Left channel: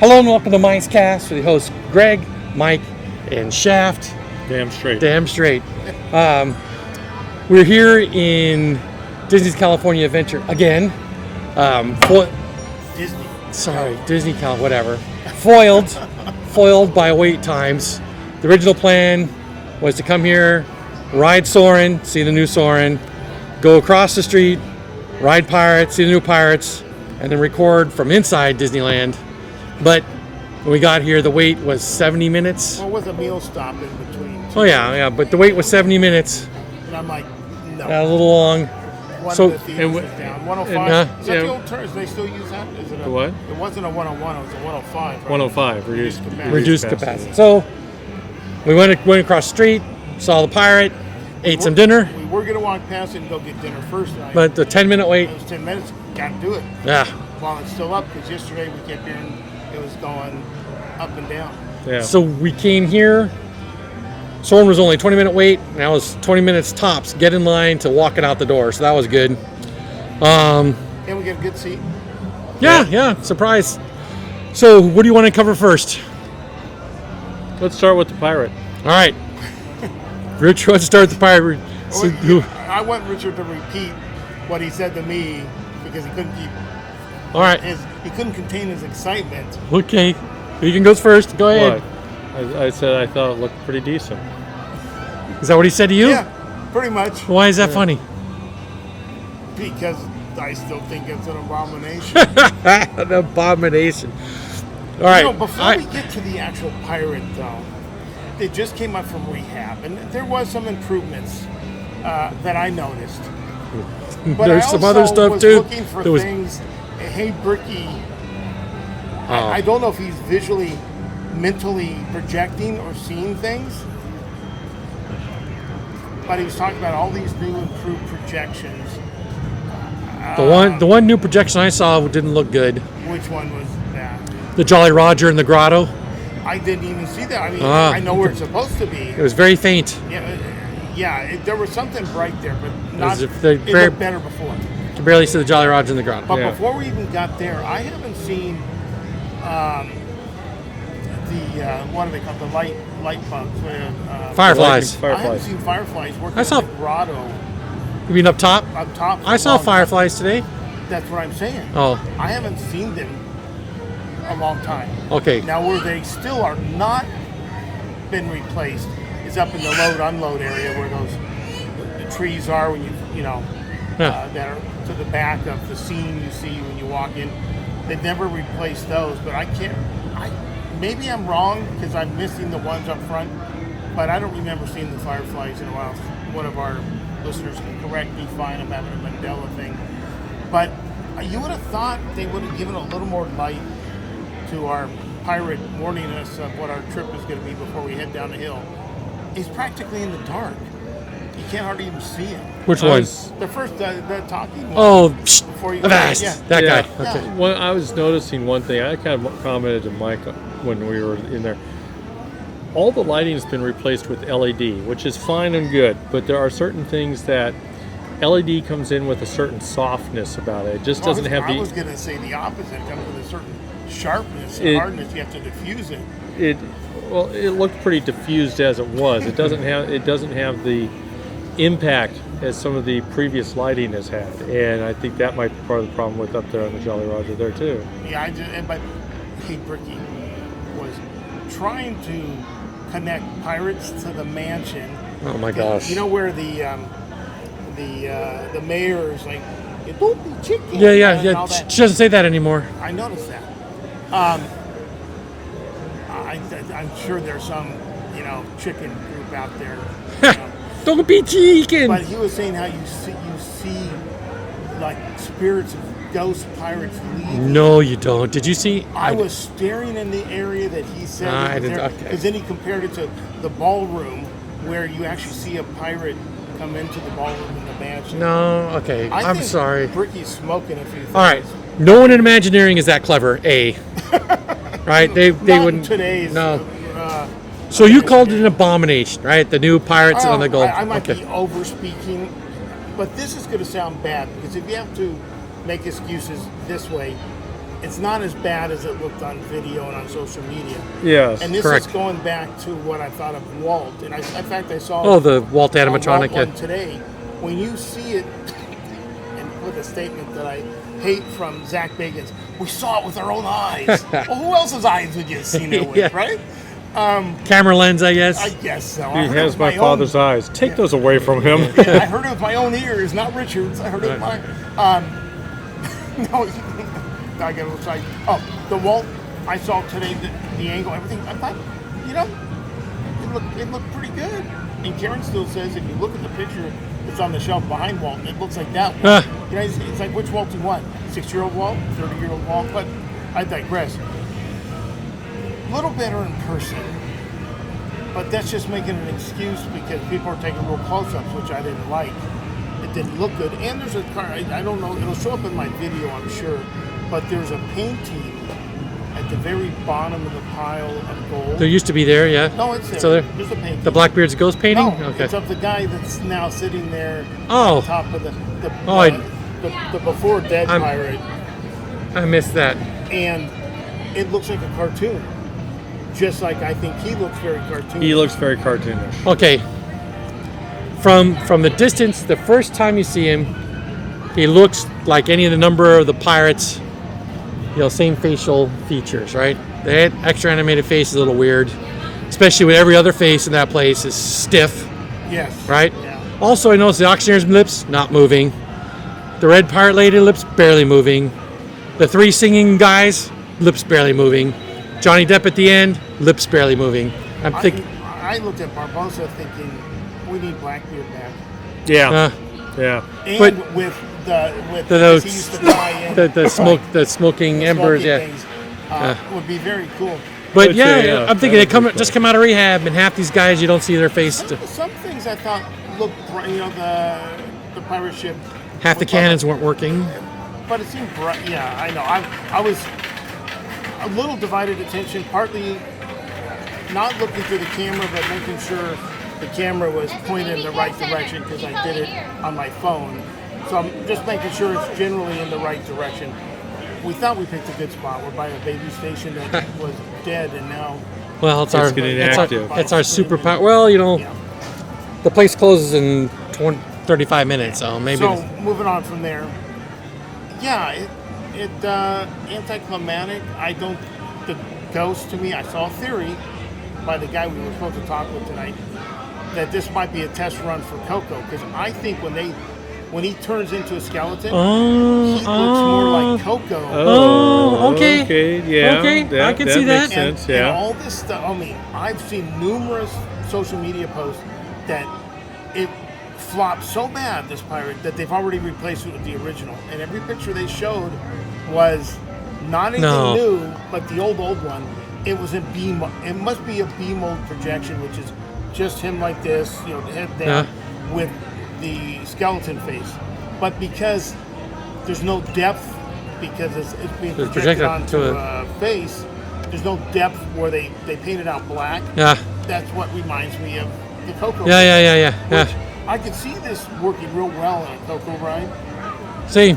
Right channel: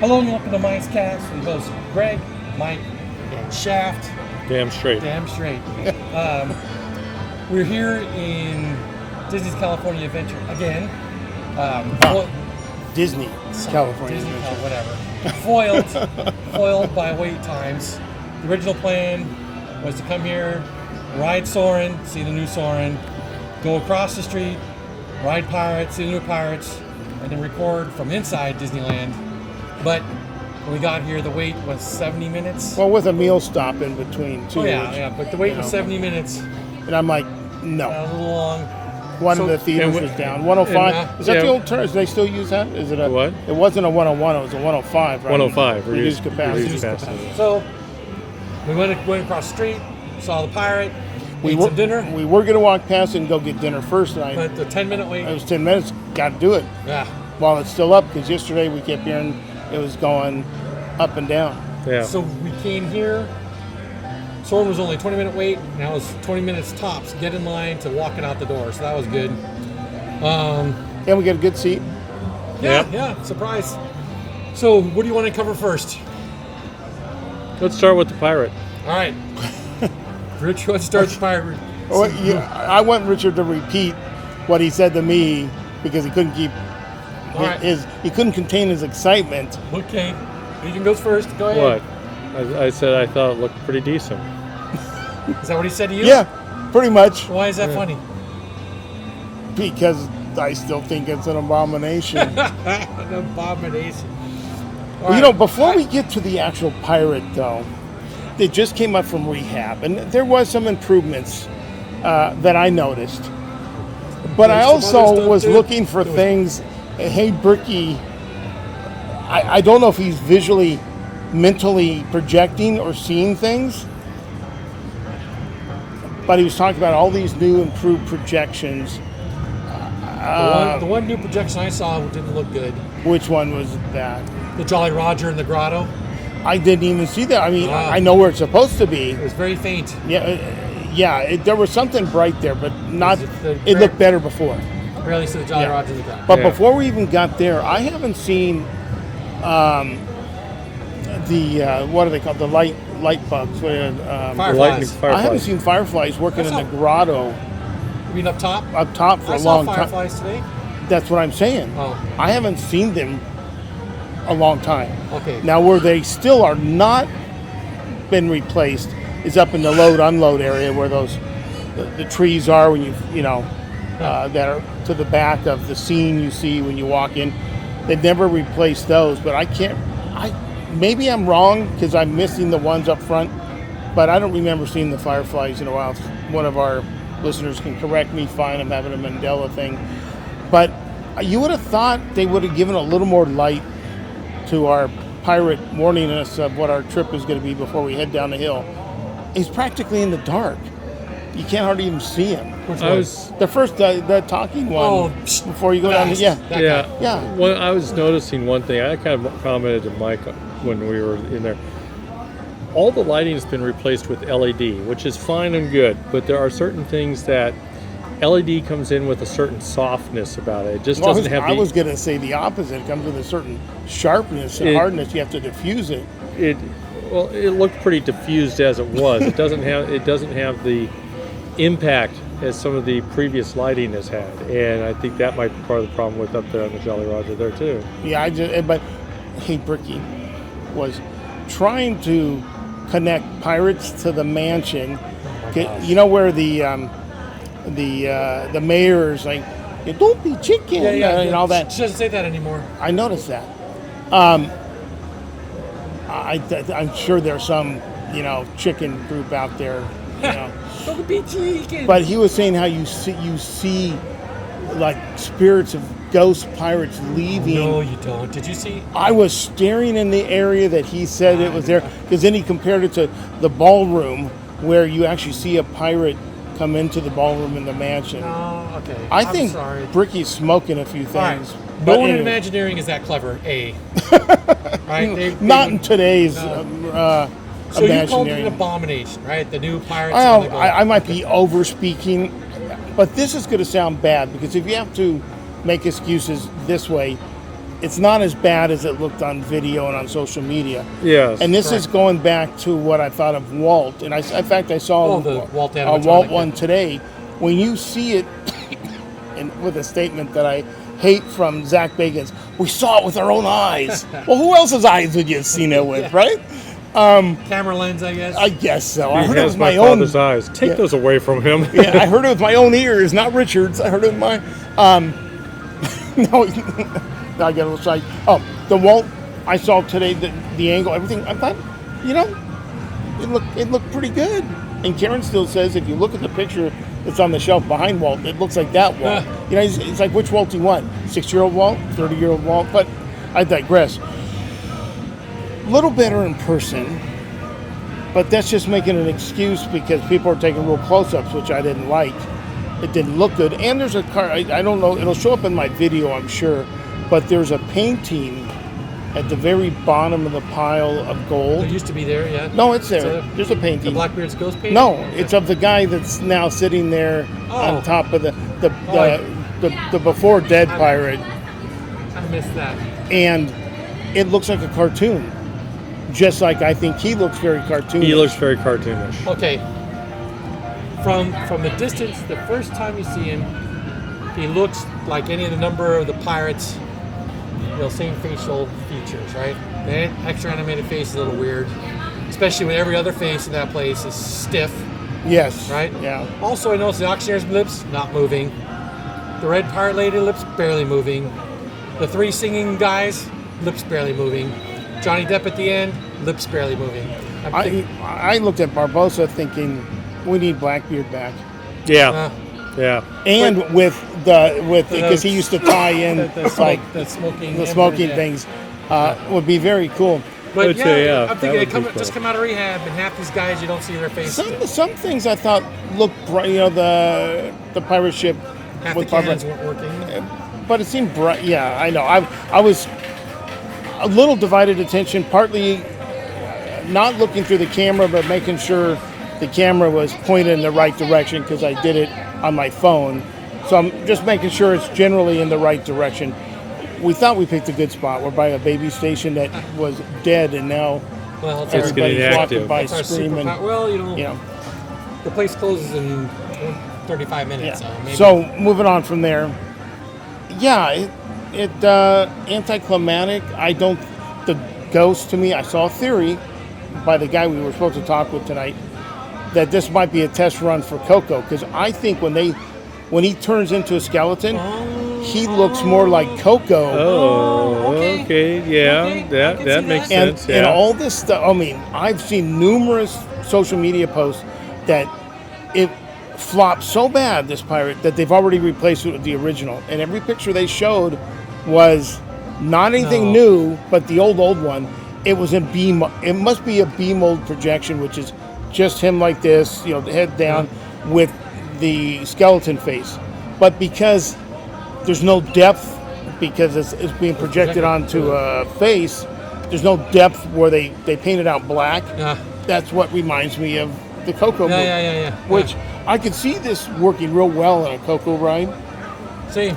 Hello and welcome to MiceCast with your hosts Greg, Mike, and Shaft. Damn straight. We're here in Disney's California Adventure again. Disney. Sorry, Disney whatever. Foiled by wait times. The original plan was to come here, ride Soarin, see the new Soarin, go across the street, ride Pirates, see the new Pirates, and then record from inside Disneyland. But when we got here, the wait was 70 minutes. Well, with a meal stop in between. Oh yeah, but the wait was 70 minutes. And I'm like, no. A little long. One of the theaters was down. 105. Is that the old term? Do they still use that? Is it a what? It wasn't a 101. It was a 105. Right? 105. Reduced capacity. So we went across the street, saw the pirate, ate some dinner. We were going to walk past and go get dinner first. But the 10-minute wait. It was 10 minutes. Got to do it. Yeah. While it's still up, because yesterday we kept hearing it was going up and down. Yeah. So we came here. Soarin was only a 20-minute wait. Now it's 20 minutes tops. Get in line to walk it out the door. So that was good. And we got a good seat. Yeah. Surprise. So what do you want to cover first? Let's start with the pirate. All right. Rich, let's start with the pirate. I want Richard to repeat what he said to me because he couldn't keep. All right. He couldn't contain his excitement. Okay. Vegan goes first. Go ahead. What? I said I thought it looked pretty decent. Is that what he said to you? Yeah, pretty much. Why is that funny? Because I still think it's an abomination. An abomination. All right. Before we get to the actual pirate, though, they just came up from rehab, and there was some improvements that I noticed. But There's I some other also stuff was too. looking for things. Hey, Bricky, I don't know if he's visually, mentally projecting or seeing things, but he was talking about all these new improved projections. The one new projection I saw didn't look good. Which one was that? The Jolly Roger in the grotto. I didn't even see that. I mean, I know where it's supposed to be. It was very faint. Yeah. There was something bright there, but not. It looked better before. You barely see the Jolly Roger in the grotto. But before we even got there, I haven't seen the what are they called? The light bugs. Fireflies. I haven't seen fireflies working in the grotto. You mean up top? Up top. I saw fireflies today. That's what I'm saying. Oh. I haven't seen them a long time. Okay. Now, where they still are not been replaced is up in the load-unload area where the trees are when that are to the back of the scene you see when you walk in. They've never replaced those, but maybe I'm wrong because I'm missing the ones up front, but I don't remember seeing the fireflies in a while. One of our listeners can correct me, fine, I'm having a Mandela thing. But you would have thought they would have given a little more light to our pirate, warning us of what our trip is going to be before we head down the hill. He's practically in the dark. You can't hardly even see him. Which one? The first, the talking one. Oh, before you go that guy. Yeah. Well, I was noticing one thing. I kind of commented to Mike when we were in there. All the lighting has been replaced with LED, which is fine and good, but there are certain things that LED comes in with a certain softness about it. It just doesn't have the... I was going to say the opposite. It comes with a certain sharpness and hardness. You have to diffuse it. It looked pretty diffused as it was. It doesn't have the impact as some of the previous lighting has had, and I think that might be part of the problem with up there on the Jolly Roger there too. Yeah, but hey, Bricky was trying to connect Pirates to the mansion. Oh my gosh! You know where the mayor is like, don't be chicken. And all that. She doesn't say that anymore. I noticed that. I'm sure there's some chicken group out there. Don't be chicken. But he was saying how you see like spirits of ghost pirates leaving. No, you don't. Did you see? I was staring in the area that he said it was there, because then he compared it to the ballroom where you actually see a pirate come into the ballroom in the mansion. No, okay. I'm think sorry. Bricky's smoking a few things. All right. No one in Imagineering is that clever. Right? They not wouldn't. In today's. No. So you called it an abomination, right? The new Pirates on the go. I might be over speaking, but this is going to sound bad because if you have to make excuses this way, it's not as bad as it looked on video and on social media. Yes. And this correct. is going back to what I thought of Walt. And in fact, I saw the Walt a animatronic. Walt one today. When you see it, and with a statement that I hate from Zach Bagans, we saw it with our own eyes. Well, who else's eyes would you have seen it with, Yeah. right? Camera lens, I guess. I guess so. He I heard it has with my own- father's eyes. Take those away from him. Yeah, I heard it with my own ears, not Richard's. I heard it with my. No, I got a little side. Oh, the Walt I saw today, the angle, everything. I thought, it looked pretty good. And Karen still says if you look at the picture that's on the shelf behind Walt, it looks like that Walt. It's like, which Walt do you want? 6-year-old Walt, 30-year-old Walt? But I digress. A little better in person, but that's just making an excuse because people are taking real close-ups, which I didn't like. It didn't look good. And there's a car, I don't know, it'll show up in my video, I'm sure, but there's a painting at the very bottom of the pile of gold. There used to be there, yeah. No, it's there. So There's a painting. the Blackbeard's ghost painting? No, Okay. it's of the guy that's now sitting there Oh. on top of the before dead I'm- pirate, I missed that. and it looks like a cartoon. Just like I think he looks very cartoonish. He looks very cartoonish. Okay. From the distance, the first time you see him, he looks like any of the number of the pirates. Same facial features, right? The extra animated face is a little weird, especially when every other face in that place is stiff, Yes. right? Yeah. Also, I noticed the auctioneer's lips not moving. The red pirate lady lips barely moving. The 3 singing guys lips barely moving. Johnny Depp at the end, lips barely moving. I looked at Barbosa thinking we need Blackbeard back, Yeah. Yeah. and with because he used to tie in the smoking the embers, smoking yeah. things would be very cool. But I'd say, yeah, I'm thinking that they would be just fun. come out of rehab, and half these guys you don't see their face. Some things I thought looked bright. The pirate ship. Half the looked like cannons weren't working. but it seemed bright. Yeah, I know. I was a little divided attention, partly not looking through the camera, but making sure the camera was pointed in the right direction because I did it on my phone. So I'm just making sure it's generally in the right direction. We thought we picked a good spot. We're by a baby station that was dead, and now Well, it's It's getting active. It's our Screaming. superpower. Well, Yeah. the place closes in 35 minutes, so maybe. So moving on from there, yeah, it anticlimactic. The ghost to me. I saw a theory by the guy we were supposed to talk with tonight that this might be a test run for Coco because I think when he turns into a skeleton, he looks more like Coco. Oh, okay. Yeah. Okay, I That can see makes that. And, sense. and Yeah. all this stuff. I mean, I've seen numerous social media posts that it flopped so bad, this pirate, that they've already replaced it with the original. And every picture they showed was not anything No. new, but the old one. It was in B. It must be a B mold projection, which is just him like this, head down with the skeleton face. But because there's no depth, because it's being projected projected onto to a face, there's no depth where they painted out black. Yeah. That's what reminds me of the Coco. Yeah. Which I could see this working real well in a Coco ride. Same.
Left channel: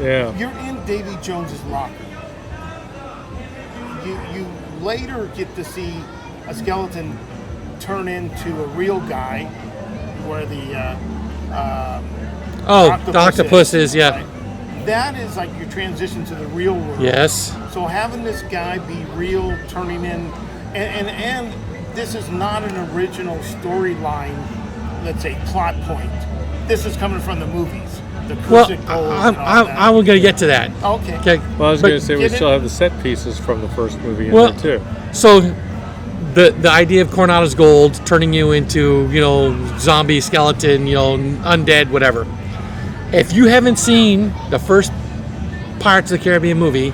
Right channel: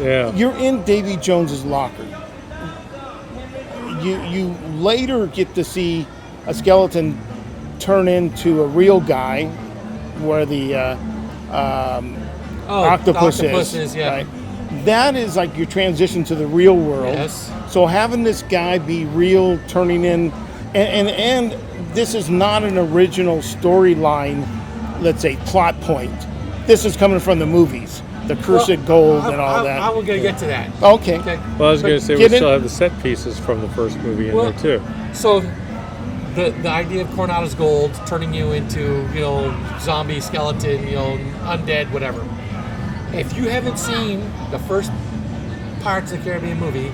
Yeah. You're in Davy Jones's locker. You later get to see a skeleton turn into a real guy, where the The octopus is, yeah. right? That is like your transition to the real world. Yes. So having this guy be real, turning in, and this is not an original storyline, let's say plot point. This is coming from the movies, the Cursed Gold and all that. I will get to that. Okay. Okay. Well, I was But going to say we get it- still have the set pieces from the first movie in Well, there too. So, the idea of Coronato's gold turning you into zombie, skeleton, undead, whatever. If you haven't seen the first Pirates of the Caribbean movie,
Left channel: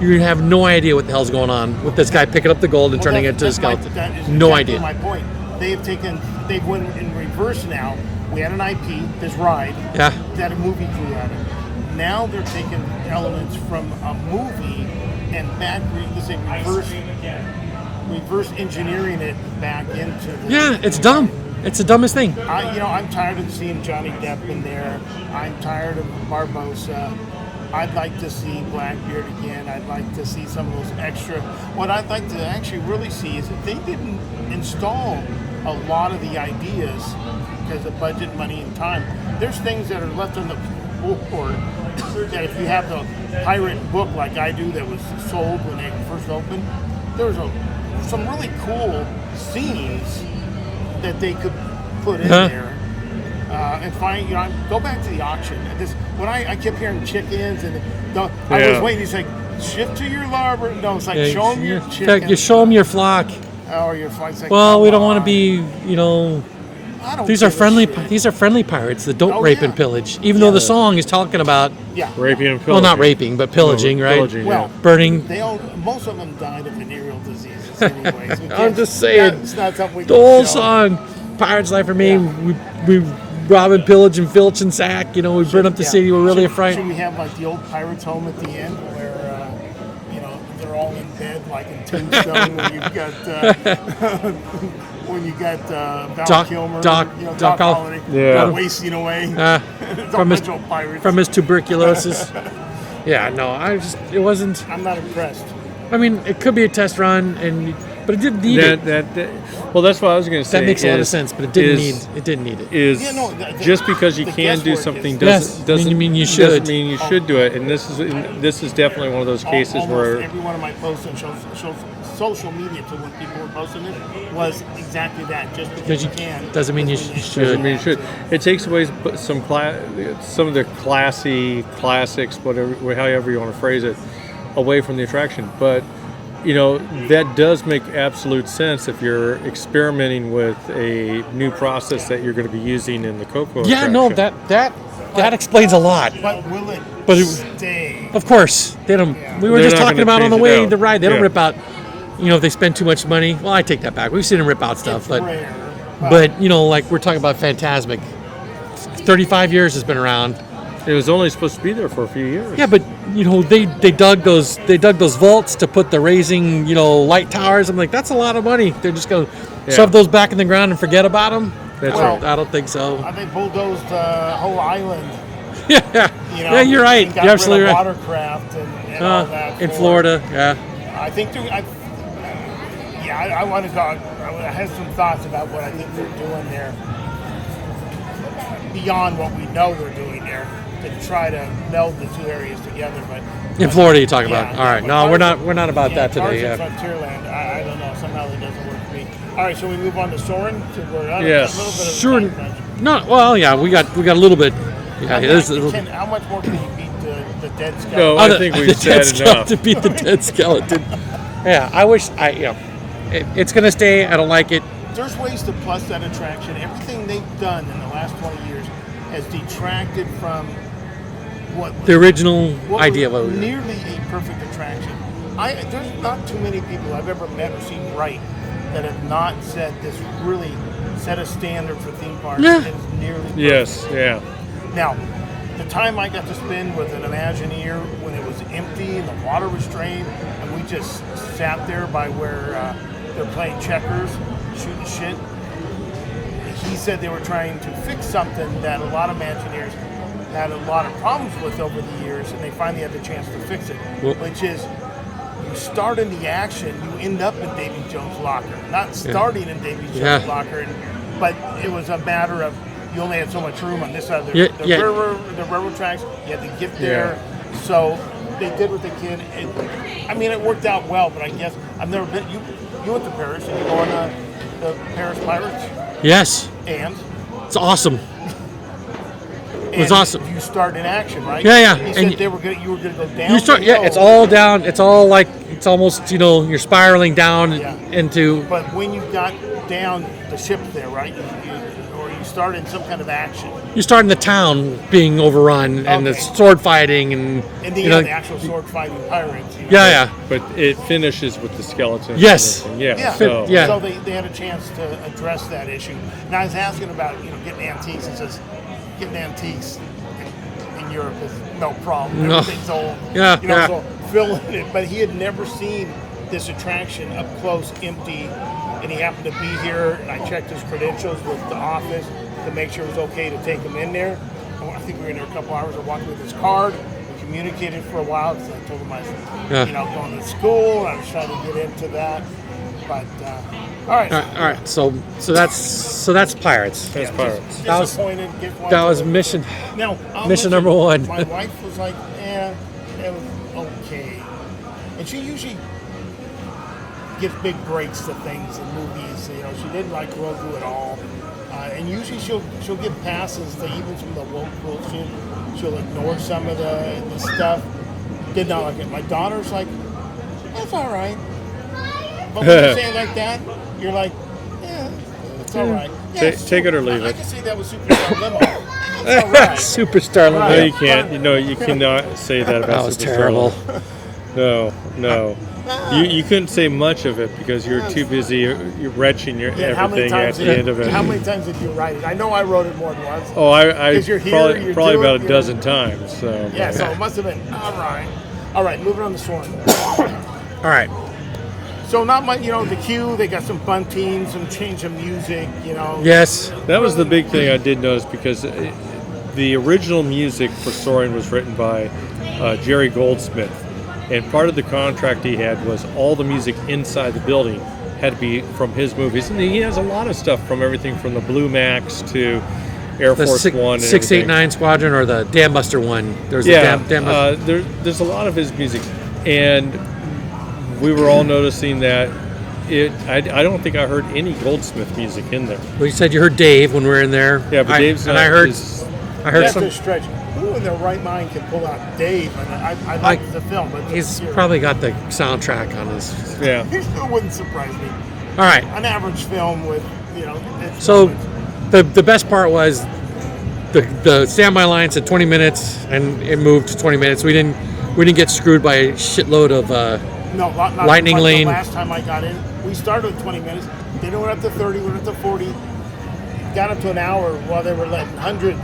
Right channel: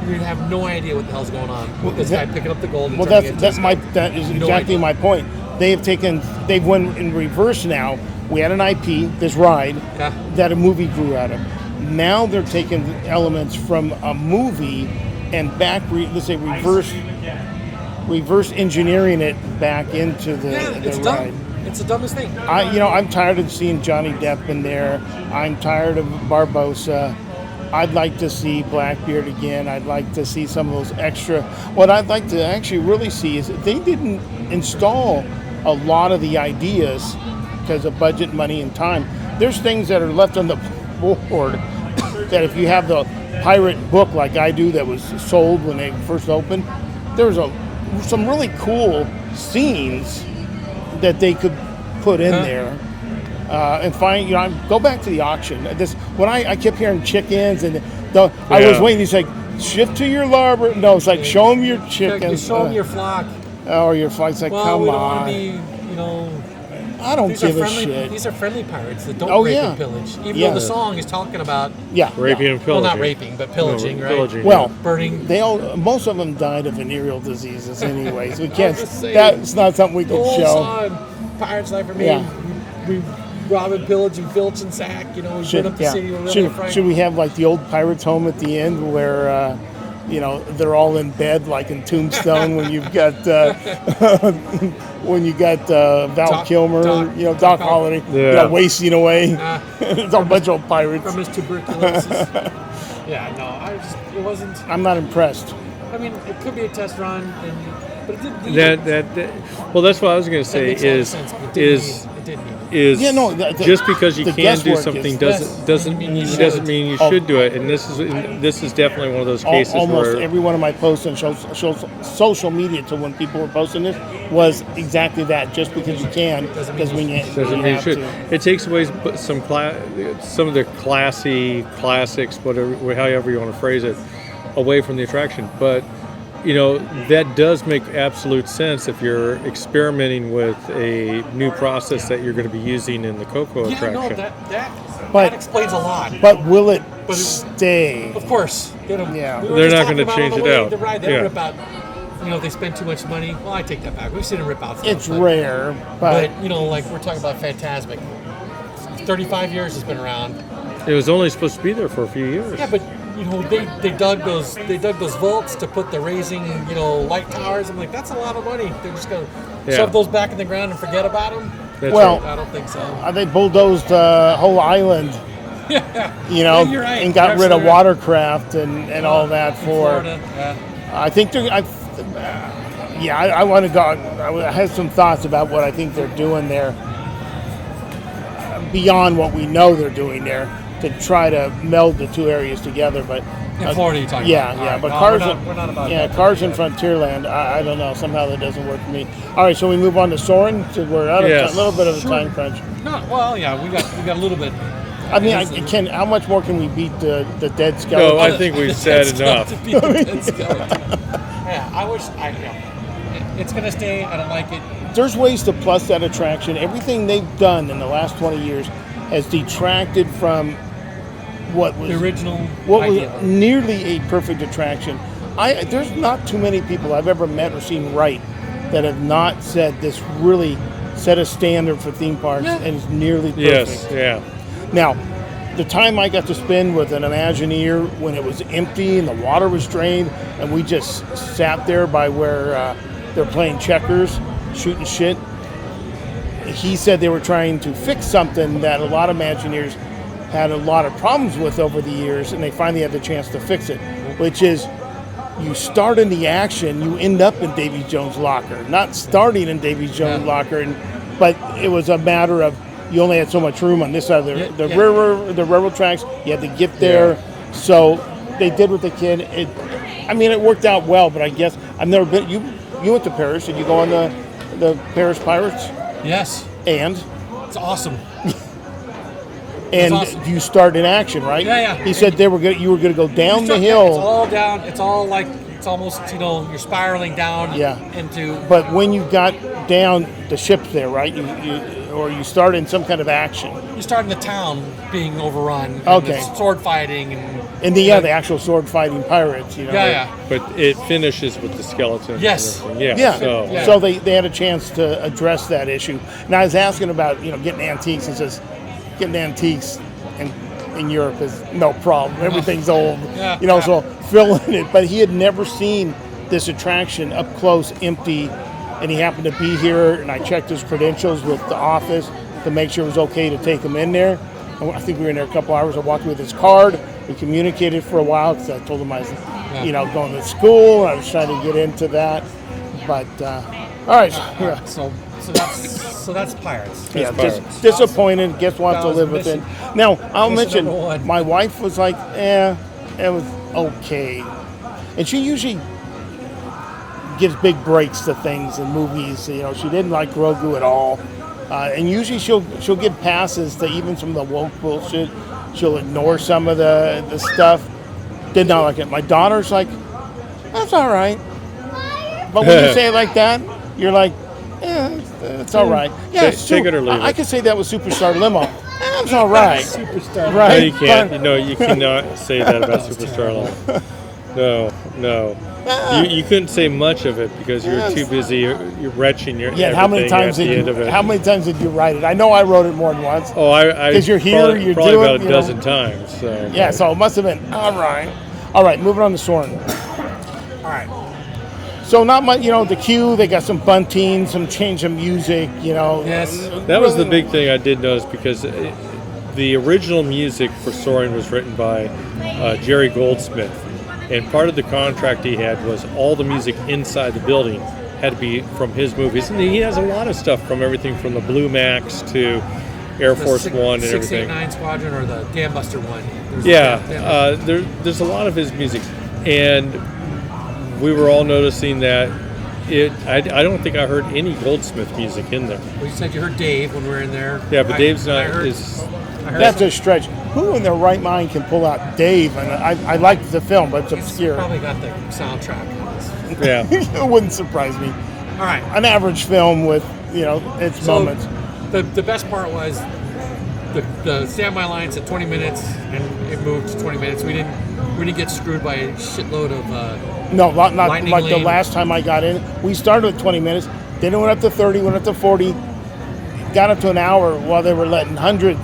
you have no idea what the hell's going on with this guy picking up the gold and turning it into a skeleton. That is no exactly idea. my point. They've went in reverse now. We had an IP, this ride, Yeah. that a movie grew out of. Now they're taking elements from a movie and reverse engineering it back into the. Yeah, the it's dumb. ride. It's the dumbest thing. I'm tired of seeing Johnny Depp in there. I'm tired of Barbosa. I'd like to see Blackbeard again. I'd like to see some of those extra. What I'd like to actually really see is they didn't install a lot of the ideas because of budget, money, and time. There's things that are left on the board that if you have the pirate book like I do that was sold when they first opened, there's some really cool scenes that they could put in there. And find, go back to the auction. When I kept hearing chickens, and I was waiting. He's like, shift to your larboard. No, it's like, show them your chickens. You show them your flock. Or your flock's like, well, come we don't on. want to be, I don't. These are friendly. These are friendly pirates that don't rape and pillage. Even though the song is talking about raping and pillaging. Well, not raping, but pillaging, right? Pillaging, well, burning. Most of them died of venereal diseases, anyways. I'm just saying. That's not something we can The whole show. song, Pirates Life Remain. We rob and pillage and filch and sack. We burn up the city. We're really afraid. Should we have like the old pirates' home at the end where? They're all in bed like in Tombstone when you've got Val Kilmer, Doc Holliday, wasting away. It's a bunch of pirates from his tuberculosis. It wasn't. I'm not impressed. I mean, it could be a test run, but it didn't need it. Well, that's what I was going to say. That makes a lot of sense, but it didn't need it. Just because you can do something doesn't mean you should do it. And this is definitely one of those cases almost where every one of my posts on social media to when people were posting this was exactly that. Just because you can doesn't mean you should. It takes away some of the classics, whatever, however you want to phrase it, away from the attraction. But that does make absolute sense if you're experimenting with a new process that you're going to be using in the Coco attraction. Yeah, no, that explains a lot. But will it stay? Of course. They don't. Yeah. We were They're just not talking gonna about on the change way it the out. ride. They don't rip out, if they spend too much money. Well, I take that back. We've seen them rip out stuff. It's rare. But like we're talking about Fantasmic. 35 years has been around. It was only supposed to be there for a few years. Yeah, but they dug those vaults to put the raising light towers. I'm like, that's a lot of money. They're just gonna shove those back in the ground and forget about them. That's right. I don't think so. They bulldozed the whole island. Yeah, you're right. And got rid of watercraft and all that in Florida. Yeah, I think I want to go. I have some thoughts about what I think they're doing there beyond what we know they're doing there, to try to meld the two areas together. But in Florida, you're talking about. All right, no, we're not about that today. Cars in Frontierland. I don't know. Somehow that doesn't work for me. All right, so we move on to Soarin'. So we're out of a little bit of a time crunch. No, well, yeah, we got a little bit. How much more can we beat the dead skeleton? No, I think we've said enough. To beat the dead skeleton. Yeah, I wish it's going to stay. I don't like it. There's ways to plus that attraction. Everything they've done in the last 20 years has detracted from what was the original idea was nearly a perfect attraction. There's not too many people I've ever met or seen write that have not said this really set a standard for theme parks and is nearly perfect. Yes, yeah. Now, the time I got to spend with an Imagineer when it was empty and the water was drained and we just sat there by where they're playing checkers, shooting shit, he said they were trying to fix something that a lot of Imagineers had a lot of problems with over the years, and they finally had the chance to fix it, which is you start in the action, you end up in Davy Jones' locker. Not starting in Davy Jones' locker, but it was a matter of you only had so much room on this side of the railroad tracks. You had to get there. Yeah. So they did what they can. It worked out well, but I guess I've never been. You went to Paris. Did you go on the Paris Pirates? Yes. And? It's awesome. And awesome. You start in action, right? Yeah. He said you were going to go down the hill. Yeah, it's all down. It's all like, it's almost, you're spiraling down into... But when you got down, the ship's there, right? You start in some kind of action. You start in the town being overrun and the sword fighting and the actual sword fighting pirates. But it finishes with the skeleton. Yes. So they had a chance to address that issue. And I was asking about getting antiques. He says getting antiques in Europe is no problem. Everything's old. So filling it. But he had never seen this attraction up close, empty. And he happened to be here, and I checked his credentials with the office to make sure it was okay to take him in there. I think we were in there a couple hours. I walked with his card, We communicated for a while because I told him I was, Yeah. going to school. I was trying to get into that. But all right. All right. So that's Pirates. That's Pirates. Disappointed. Guess what? that was mission- Now I'll mission mention number one. My wife was like, it was okay, and she usually gives big breaks to things in movies. She didn't like Grogu at all, and usually she'll give passes to even some of the woke bullshit. She'll ignore some of the stuff. Did not like it. My daughter's like, that's all right. But when you say it like that, you're like, it's all right. Yeah, it's Take true. it or leave I it. could say that with Superstar Limo. It's all right. Superstar. Right. No, you can't. No, you cannot say that about That was Superstar. terrible. No. You couldn't say much of it because you're too busy. You're retching your Yeah, how many everything times at the end of it. How many times did you write it? I know I wrote it more than once. Oh, I 'Cause you're here, probably, you're probably doing, about a dozen times. So Yeah, so it must have been all right. All right, moving on to Soarin. All right. So not much, the queue. They got some bunting, some change of music. Yes. that was the big thing I did notice because the original music for Soarin was written by Jerry Goldsmith, and part of the contract he had was all the music inside the building had to be from his movies, and he has a lot of stuff from everything from the Blue Max to Air Force One and 689 Squadron or the Dam Buster one. There's Yeah, a Dam Buster. there's a lot of his music, and we were all noticing that I don't think I heard any Goldsmith music in there. Well, you said you heard Dave when we were in there. Yeah, but Dave's not. I heard That's some, a stretch. Who in their right mind can pull out Dave? And I liked the film, but it's he's obscure. probably got the soundtrack on his. Yeah. It wouldn't surprise me. All right. An average film with its So moments. the best part was the standby line said 20 minutes and it moved to 20 minutes. We didn't get screwed by a shitload of No, not lightning like lane. the last time I got in. We started with 20 minutes, then it went up to 30, went up to 40, got up to an hour while they were letting hundreds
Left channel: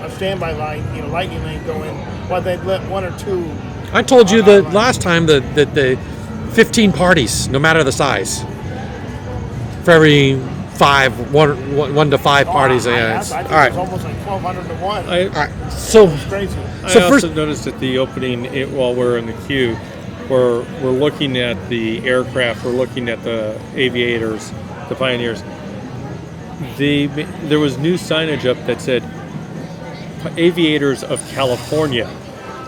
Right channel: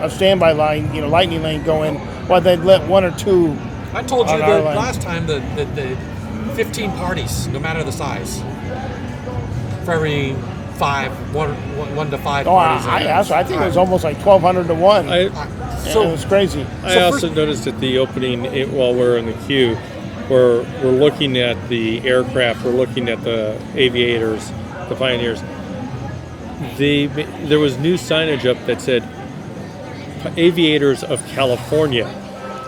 of standby line, lightning lane go in, while they'd let one or two. I told you on the our line. last time that the 15 parties, no matter the size, for every one to five parties. I think it was almost like 1,200 to 1. I So it was crazy. I also first- noticed at the opening, while we're in the queue, we're looking at the aircraft, we're looking at the aviators, the Pioneers. There was new signage up that said Aviators of California.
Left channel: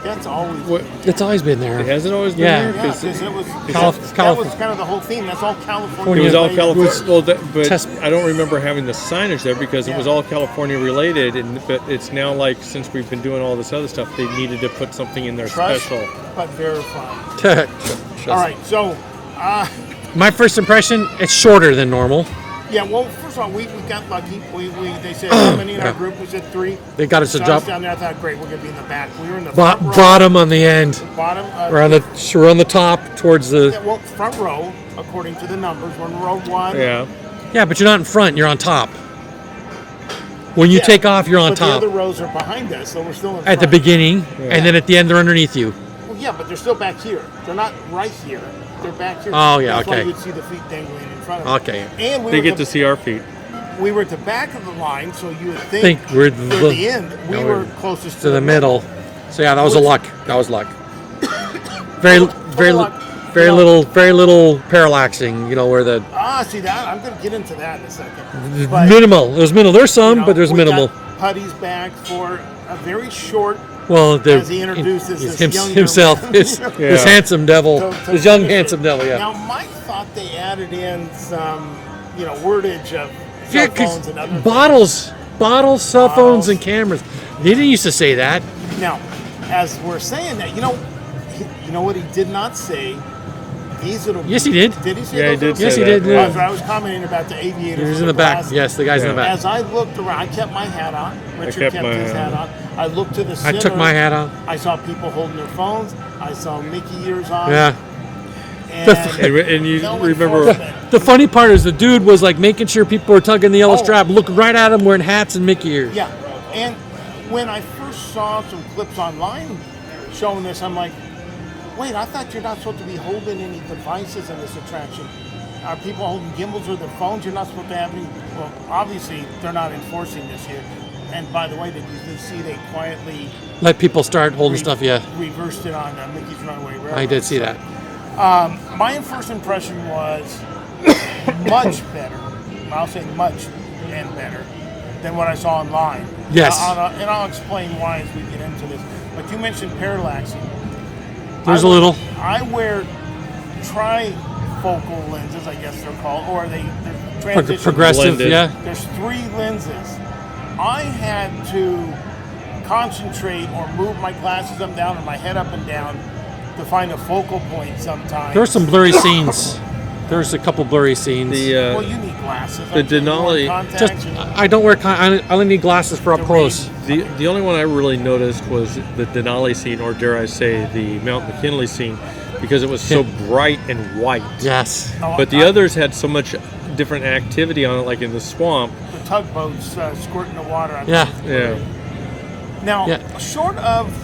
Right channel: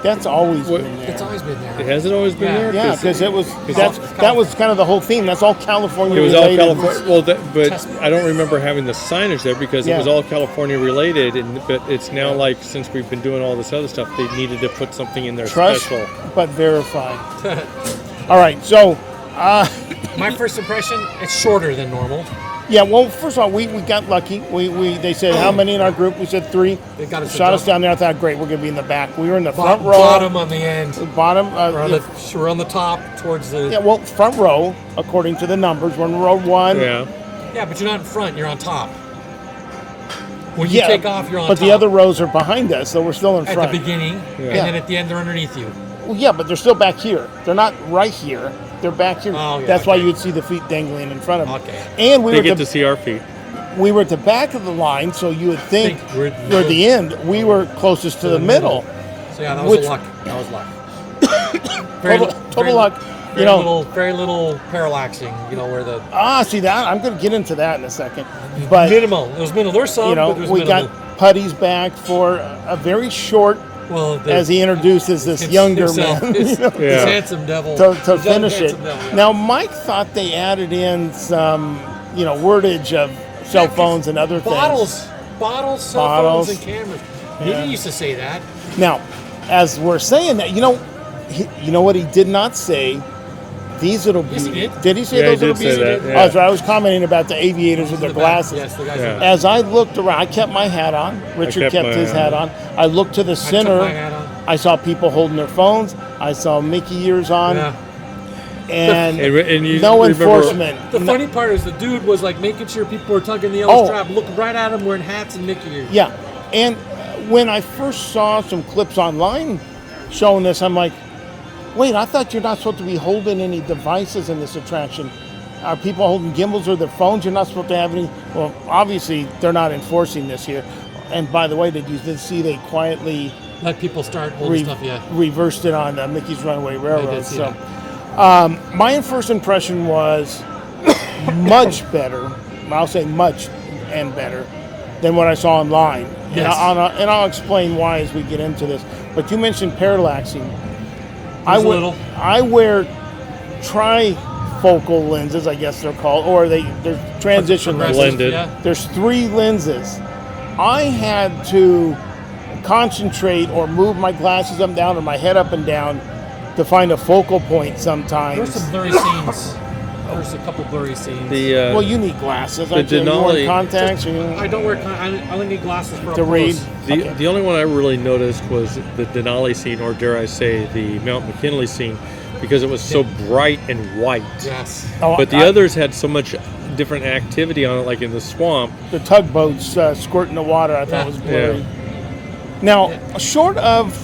That's always. it's always been there. Has it always been Yeah. there? Yeah, because that was California. kind of the whole theme. That's all California. It was all related. California. Well, but Test- I don't remember having the signage there because it was Yeah. all California related. But it's now like since we've been doing all this other stuff, they needed to put something in there Trust, special. but verify. All right, so My first impression, it's shorter than normal. yeah. Well, first of all, we got lucky. They said how many in our group? We said 3. They got us to Shot us jump down there. I thought, great, we're gonna be in the back. We were in the front row. bottom on the end. Bottom. We're on the top towards the. Yeah, well, front row, according to the numbers, we're in row 1. Yeah. Yeah, but you're not in front. You're on top. When you Yeah, take off, you're on but top. the other rows are behind us, so we're still in at front. the beginning, Yeah. and then at the end, they're underneath you. Well, yeah, but they're still back here. They're not right here. They're back here. Oh, yeah, That's why okay. you'd see the feet dangling in front of them. Okay. And we They were get to see our feet. we were at the back of the line, so you would think, We're for the end, we were closest to the middle. So yeah, that was Which- a luck. That was luck. Very, Total very, luck. very You know- very little parallaxing. Where the See that? I'm going to get into that in a second. But minimal. There's minimal. There's some, but there's we minimal. got Putty's back for a very short, Well, as he introduces this younger himself, man. his Yeah. handsome devil, to his young finish it. handsome devil. Yeah. Now, Mike thought they added in some, wordage of Yeah, cell 'cause phones and other bottles, cell Bottles. phones, and cameras. He didn't used to say that. things. Now, as we're saying that, you know what he did not say? These little. Yes, he did. Did he say Yeah, he those did little say Yes, he that. did. Yeah. I was commenting about the aviators He's with in the the back. glasses. Yes, the guy's in the Yeah. back. As I looked around, I kept my hat on. Richard kept kept my his hat hat on. I looked to the I center. took my hat off. I saw people holding their phones. I saw Mickey ears on. Yeah. And And you no remember enforcement. The funny part is the dude was like making sure people were tugging the yellow Oh. strap, look right at him wearing hats and Mickey ears. Yeah, and when I first saw some clips online showing this, I'm like, wait, I thought you're not supposed to be holding any devices in this attraction. Are people holding gimbals or their phones? You're not supposed to have any. Well, obviously, they're not enforcing this here. And by the way, did you see they quietly Let people start holding stuff. Yeah, reversed it on Mickey's Runaway Railroad. I did see that. My first impression was much better. I'll say much and better than what I saw online. Yes. And I'll explain why as we get into this. But you mentioned parallaxing. There's a little. I wear trifocal lenses, I guess they're called, or they're transition Progressive, Blended. yeah. There's 3 lenses. I had to concentrate or move my glasses up and down or my head up and down to find a focal point sometimes. There's some blurry scenes. There's a couple blurry scenes. Well, you need glasses. the Denali- Contacts. I don't wear. I only need glasses for up To close. The only one I really noticed was the Denali scene, or dare I say, the Mount McKinley scene, because it was so bright and white. Yes. But the others had so much different activity on it, like in the swamp. The tugboats squirting the water. I thought was Yeah. great. Now, Yeah. short of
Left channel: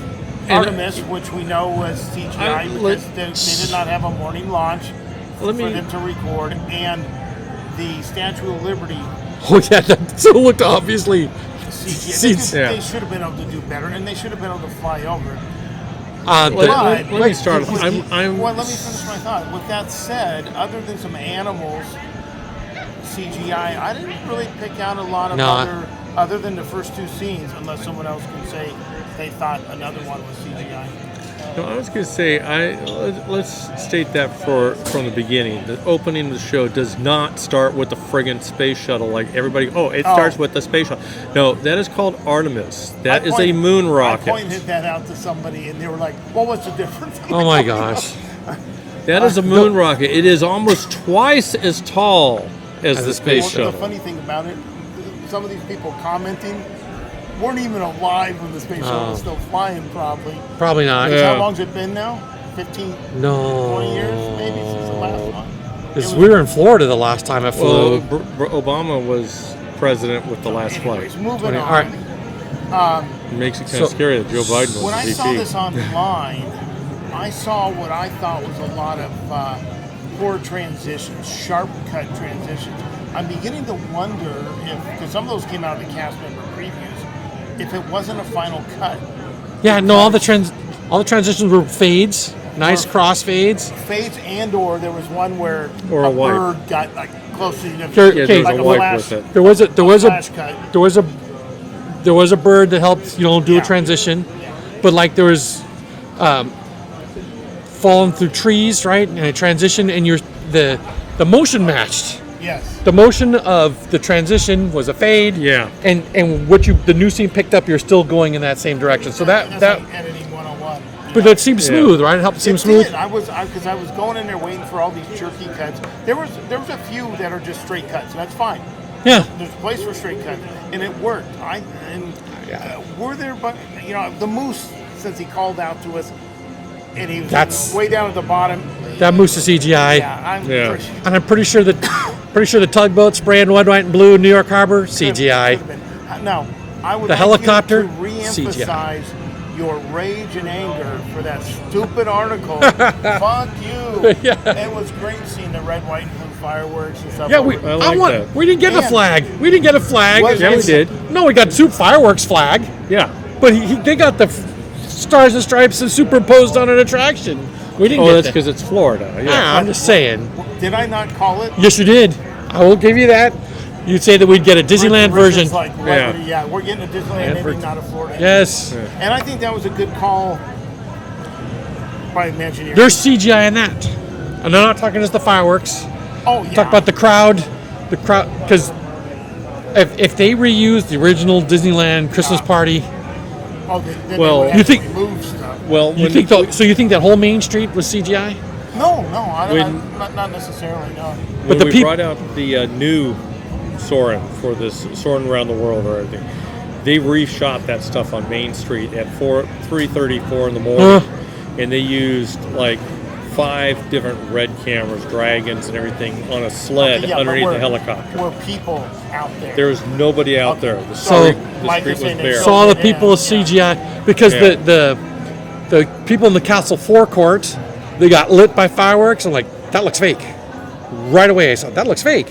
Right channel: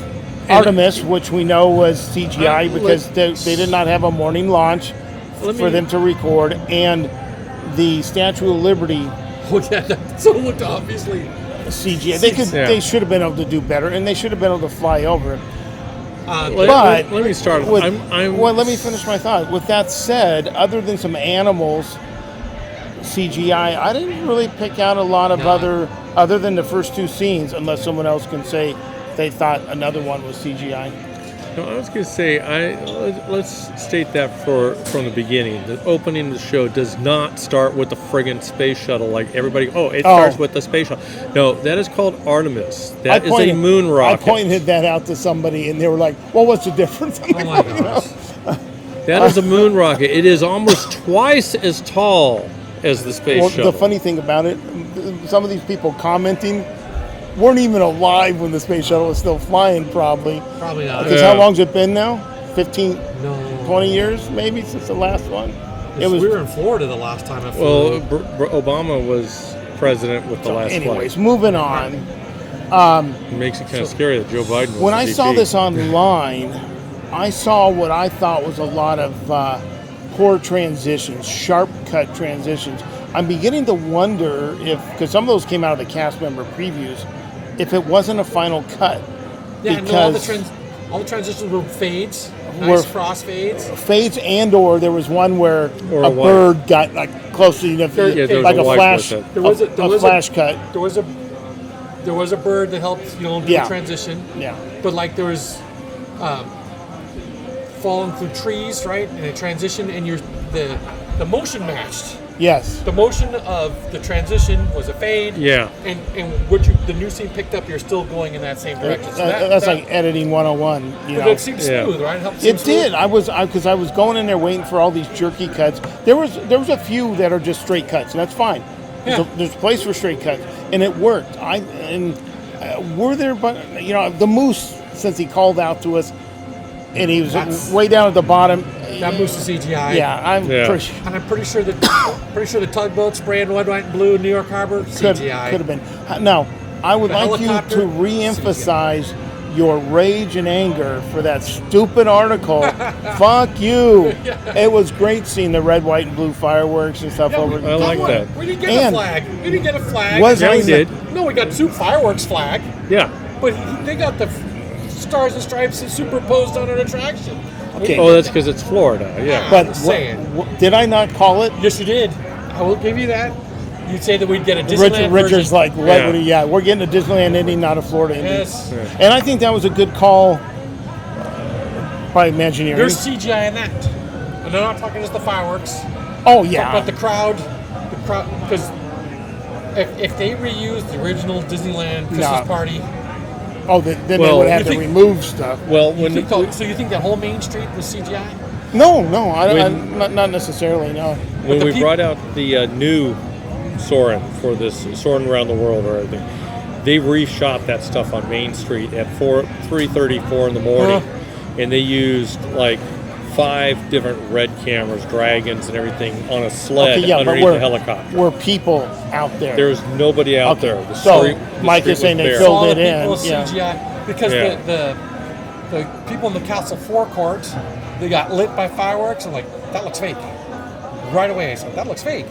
Artemis, which we know was CGI because they did not have a morning launch for them to record, and the Statue of Liberty Oh yeah. That so looked obviously. CGI. They should have been able to do better, and they should have been able to fly over it. Let me start. Well, let me finish my thought. With that said, other than some animals CGI, I didn't really pick out a lot of other than the first 2 scenes, unless someone else can say they thought another one was CGI. No, I was going to say, let's state that from the beginning. The opening of the show does not start with the friggin' space shuttle like everybody. It starts with the space shuttle. No, that is called Artemis. That is a moon rocket. I pointed that out to somebody, and they were like, "Well, what's the difference?" Oh my gosh. That is a moon rocket. It is almost twice as tall as the space shuttle. The funny thing about it, some of these people commenting weren't even alive when the space shuttle was still flying, probably. Probably not. Because how long's it been now? 15, No. 20 years maybe since the last one? We were in Florida the last time I flew. Well, Obama was president with the last Anyways, flight. moving on. It makes it kind of scary that Joe Biden was When the I VP. saw this online, I saw what I thought was a lot of poor transitions, sharp cut transitions. I'm beginning to wonder if, because some of those came out of the cast member previews, if it wasn't a final cut. Yeah, no, all the transitions were fades, nice cross fades. Fades, or there was one where Or a wipe. bird got like close to the there was like a a wipe flash. with it. There was a flash cut. There was a bird that helped do a transition. Yeah. But like there was falling through trees, right? And a transition, and the motion matched. Yes. The motion of the transition was a fade. Yeah. And the new scene picked up, you're still going in that same direction. So that's like editing 101. But that seemed smooth, right? It helped seem It smooth. did. Because I was going in there waiting for all these jerky cuts. There was a few that are just straight cuts, and that's fine. Yeah. There's a place for straight cuts, and it worked. Were there, but the moose, since he called out to us, and he was way down at the bottom. That moose is CGI. Yeah, I'm pretty sure the tugboat spraying red, white, and blue in New York Harbor, CGI. Could have been. Now, I would The like helicopter, you to re-emphasize your rage and anger for that stupid article. Fuck you. Yeah. It was great seeing the red, white, and blue fireworks and stuff. Yeah, over I like that. We didn't get a And- flag. We didn't get a flag. Yeah, we did. No, we got 2 fireworks flag, Yeah. but they got the stars and stripes superimposed on an attraction. We didn't Oh, get that's that. because it's Florida. Yeah. I'm just saying. Did I not call it? Yes, you did. I will give you that. You'd say that we'd get a Disneyland Rick is version. like, Yeah. we're getting a Disneyland ending, not a Florida ending. Yes. Yeah. And I think that was a good call by Imagineering. There's CGI in that. And I'm not talking just the fireworks. oh, yeah. Talk about the crowd, because if they reuse the original Disneyland Christmas Yeah. party, Oh, then they Well, would have you to think- remove stuff. Well, you think that whole main street was CGI? No, When- not necessarily, no. when the we peop- brought out the new Soarin for this Soarin around the world or everything, they reshot that stuff on Main Street at 3:34 in the morning, and they used like 5 different red cameras, dragons, and everything on a sled Okay, yeah, but underneath the helicopter. Were people out there? There was nobody out Okay, there. The so street, the Mike street is saying was they bare. So all the Filled it people in, with CGI, because Yeah. the people in the castle forecourt, they got lit by fireworks. I'm like, that looks fake. Right away, I said, that looks fake.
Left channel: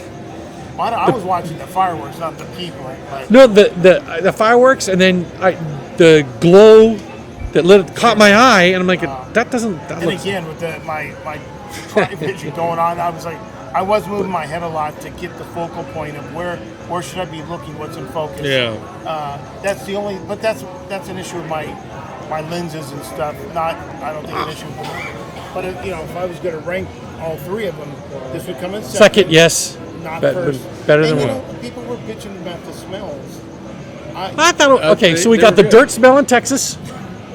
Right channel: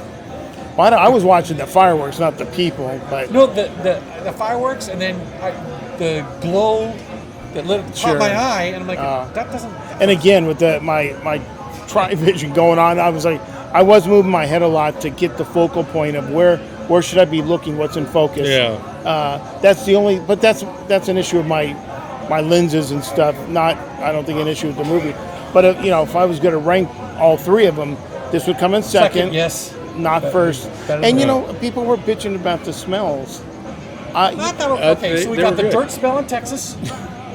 Well, I was watching the fireworks, not the people. But No, the fireworks, and then the glow that caught Sure. my eye, and I'm like, that doesn't. That And looks- again, with my tri-vision going on, I was like, I was moving my head a lot to get the focal point of where should I be looking, what's in focus. Yeah. That's the only, but that's an issue with my lenses and stuff. Not, I don't think an issue with the movie. But if I was going to rank all three of them, this would come in second. yes. Not Be- first. better And than people were bitching about the smells. I thought, okay, so we they got were the good. dirt smell in Texas.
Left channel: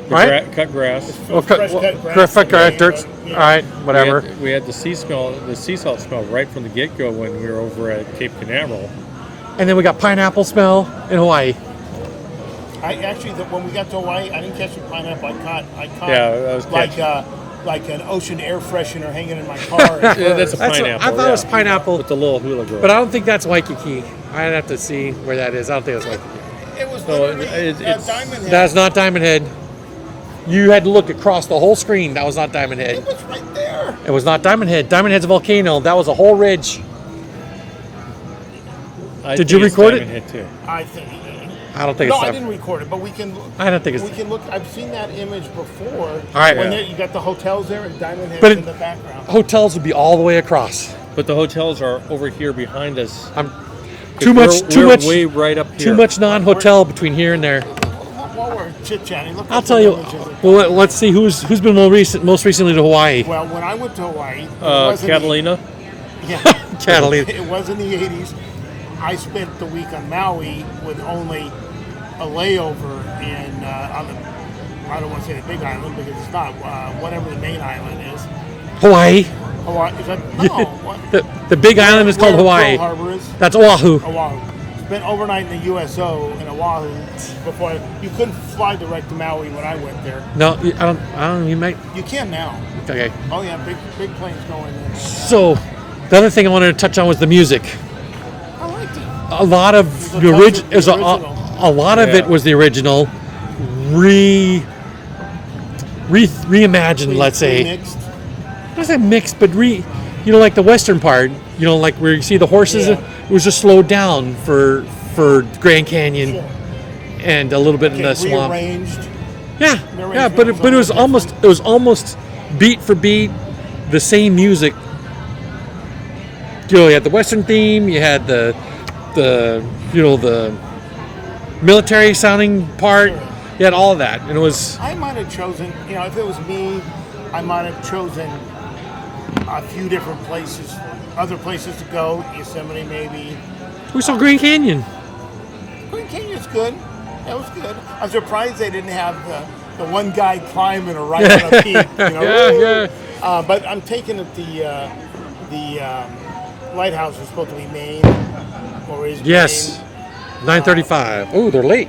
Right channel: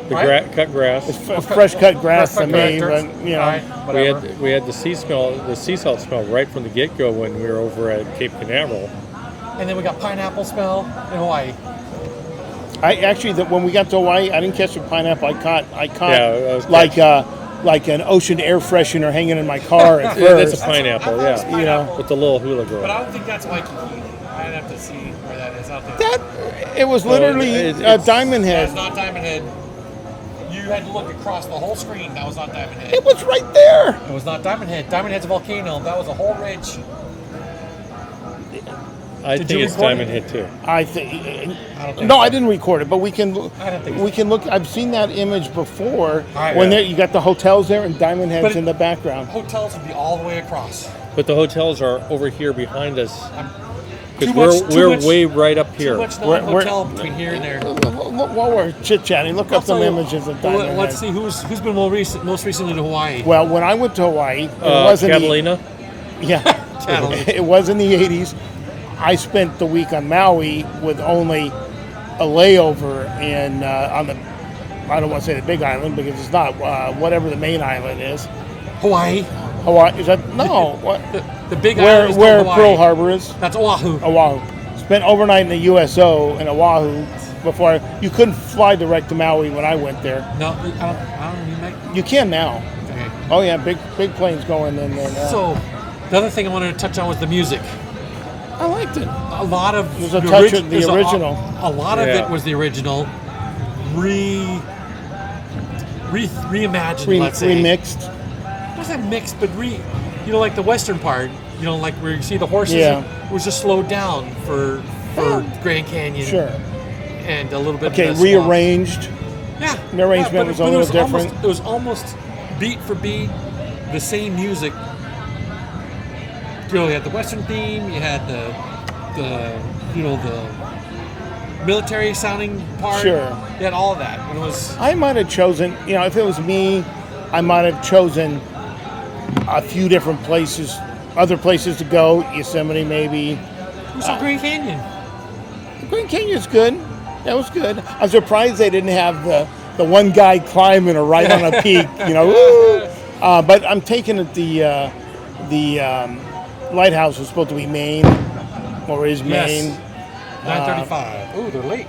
The right? cut grass. Fresh cut grass. Fresh to cut me, dirt. but, All right, whatever. We had the sea salt smell right from the get-go when we were over at Cape Canaveral. And then we got pineapple smell in Hawaii. I actually, when we got to Hawaii, I didn't catch the pineapple. I caught Yeah, that was like an ocean air freshener hanging in my car. At Yeah, that's a first. pineapple. I thought it was pineapple. With the little hula girl. But I don't think that's Waikiki. I'd have to see where that is. I don't think it's It was literally it's- Diamond Head. That's not Diamond Head. You had to look across the whole screen. That was not Diamond Head. It was right there. It was not Diamond Head. Diamond Head's a volcano. That was a whole ridge. I Did think you it's record Diamond it? Head too. I think. I don't think No, it's I didn't record it, but we can. I don't think it's- We can look. I've seen that image before. All right. When Yeah. you got the hotels there and Diamond Head's But in the background. Hotels would be all the way across. But the hotels are over here behind us. I'm 'Cause too we're much way right up here. Too much non-hotel between here and there. While we're chit chatting, look I'll up tell some you. images of Well, Diamond let's Head. see who's been most recently to Hawaii. Well, when I went to Hawaii, it wasn't Catalina. Yeah, Catalina. It was in the '80s. I spent the week on Maui with only a layover in on the. I don't want to say the Big Island because it's not whatever the main island is. Hawaii. Hawaii is that no? What? The big island is called where Hawaii. Pearl Harbor is. That's Oahu. Oahu. Spent overnight in the USO in Oahu before you couldn't fly direct to Maui when I went there. No, I don't. You might. You can now. Okay. Oh yeah, big planes going in there. Now. So, the other thing I wanted to touch on was the music. I liked it. A lot of There's a the, touch orig- of the there's a- original. a lot of Yeah. it was the original, reimagined. Let's say. Remixed. Not say mixed, but like the western part. Like where you see the horses. Yeah. It was just slowed down for Grand Canyon Sure. and a little bit Okay, in the swamp. rearranged. Yeah, The yeah, arrangement but was it a was little almost different. it was almost beat for beat the same music. You had the western theme. You had the military sounding part. Sure. You had all of that, and it was I might have chosen, if it was me, I might have chosen a few different places, other places to go. Yosemite, maybe. we saw Grand Canyon. Grand Canyon's good. That was good. I'm surprised they didn't have the one guy climbing or right on a peak. Yeah. But I'm taking it the lighthouse was supposed to be Maine, or is Yes, Maine. 9:35. Oh, they're late.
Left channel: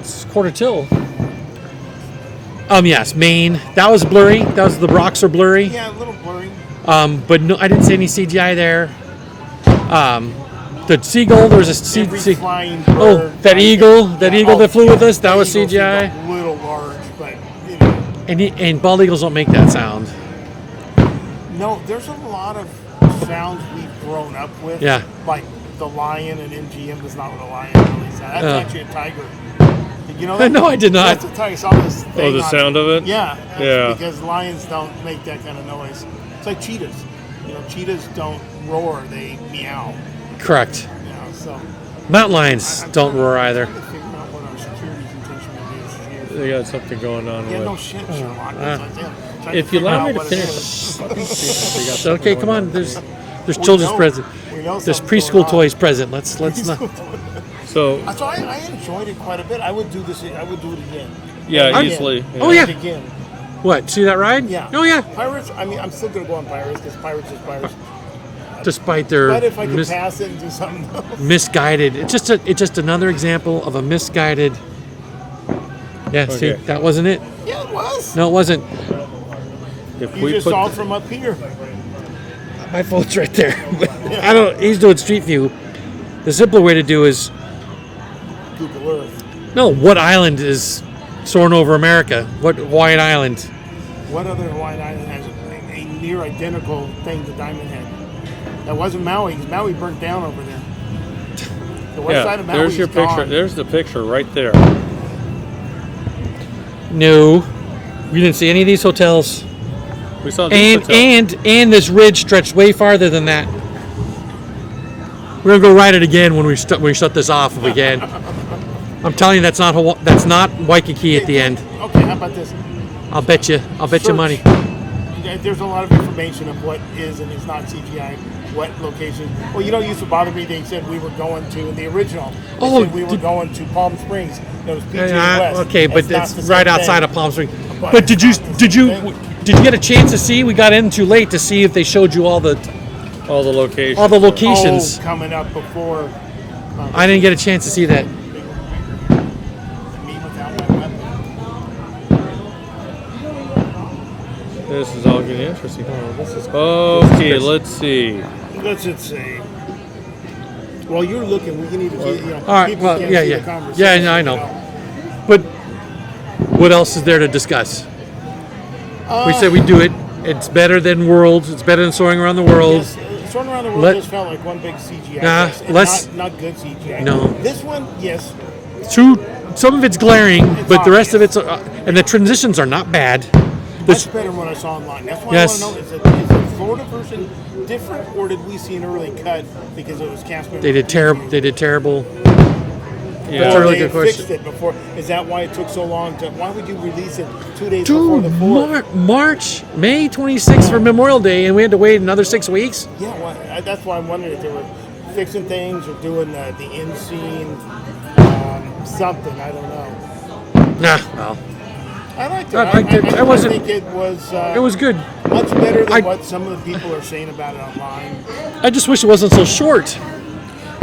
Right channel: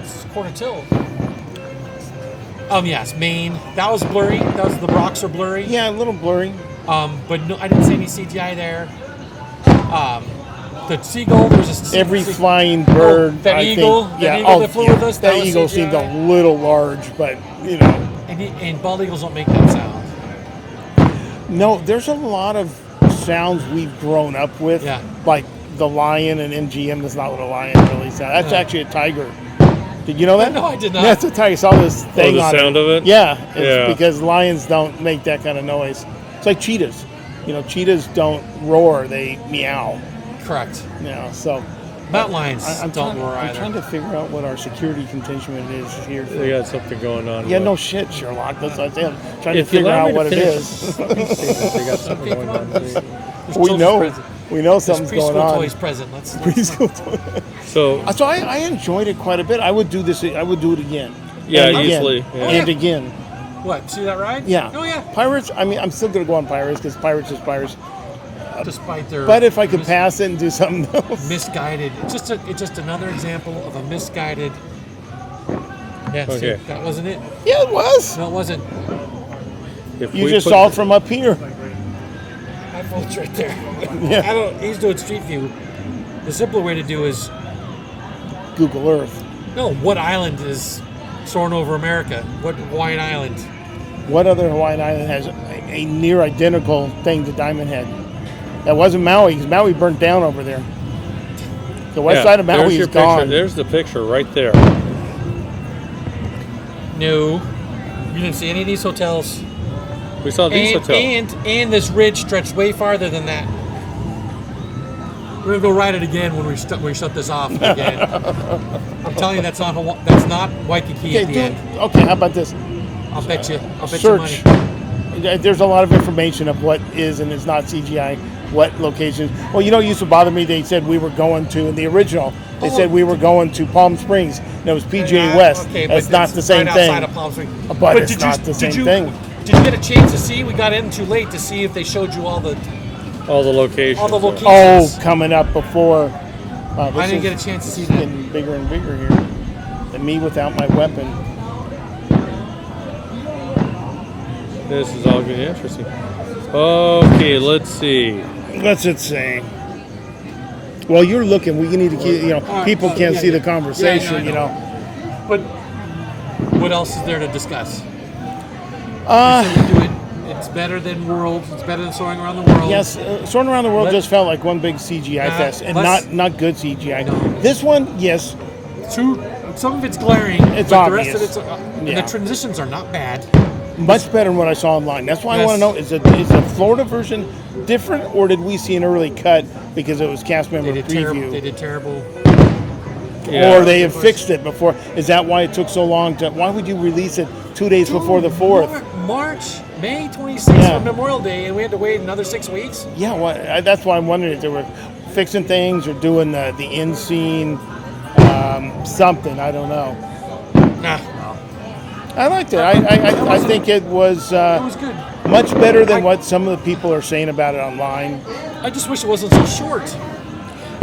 It's quarter till. Yes, Maine. That was blurry. The rocks are blurry. Yeah, a little blurry. But no, I didn't see any CGI there. The seagull. There was a Every sea- flying Oh, bird. that I eagle. think- That yeah, eagle that flew with us. That was eagle seemed CGI. a little large, but And bald eagles don't make that sound. no. There's a lot of sounds we've grown up with. Yeah. Like the lion and MGM is not what a lion really sounds. That's actually a tiger. Did you know that? No, I did not. That's a tiger. I saw this thing. the on sound of it? Yeah. It's Yeah. Because lions don't make that kind of noise. It's like cheetahs. Cheetahs don't roar; they meow. Correct. So Mountain lions I'm don't trying- roar I'm either. trying to figure out what our security containment is here. They got something going on. Yeah, with- no shit, Sherlock. That's it. Trying to If you figure allow out me to what it finish, is. they got something Okay, going come on. on. There's We children's know- present. We know There's something's preschool going on. toys present. Let's not. So So I enjoyed it quite a bit. I would do this. I would do it again. yeah, And again. easily. Oh, yeah. And again. What? See that ride? Yeah. Oh yeah. Pirates. I mean, I'm still gonna go on Pirates because Pirates is Pirates. Despite their But if I could pass it and do something else. misguided, it's just another example of a misguided. Yeah. See, Okay. that wasn't it. Yeah, it was. No, it wasn't. If You we just put saw it the- from up here. My phone's right there. I don't. He's doing Street View. The simpler way to do is Google Earth. no. What island is soaring over America? What Hawaiian island? What other Hawaiian island has a near identical thing to Diamond Head? That wasn't Maui, because Maui burnt down over there. The west yeah, side of Maui there's is your gone. picture. There's the picture right there. No, you didn't see any of these hotels. We saw these hotels. And this ridge stretched way farther than that. We're gonna go ride it again when we shut this off again. I'm telling you, that's not Waikiki at the end. Okay, how about this? I'll bet you money. There's a lot of information of what is and is not CGI, what locations. Well, used to bother me. They said we were going to, in the original, they said we were going to Palm Springs. And it was PJ West. Okay, but it's not the same right outside thing. of Palm Springs. But did you get a chance to see? We got in too late to see if they showed you all the locations. All the locations. Oh, coming up before. I didn't get a chance to see that. Bigger and bigger here. Than me without my weapon. This is all getting interesting. Okay, let's see. What's it say? Well, you're looking. We need to get, people can't see the conversation. Yeah, I know. But what else is there to discuss? We said we do it. It's better than Worlds. It's better than Soaring Around the World. Yes, Soaring Around the World just felt like one big CGI fest. And not good CGI. No. This one, yes. Some of it's glaring, It's but the rest of obvious. it's... and the transitions are not bad. Much better than what I saw online. That's why I want to know, is the Florida version different, or did we see an early cut because it was cast member They did preview? terrible. Yeah. Or they had fixed it before. Is that why it took so long? Why would you release it 2 days before the 4th? May 26th for Memorial Day, and we had to wait another 6 weeks? Yeah, that's why I'm wondering if they were fixing things or doing the end scene, something. I don't know. Nah, no. I liked it. I think it was. It was good. Much better than what some of the people are saying about it online. I just wish it wasn't so short.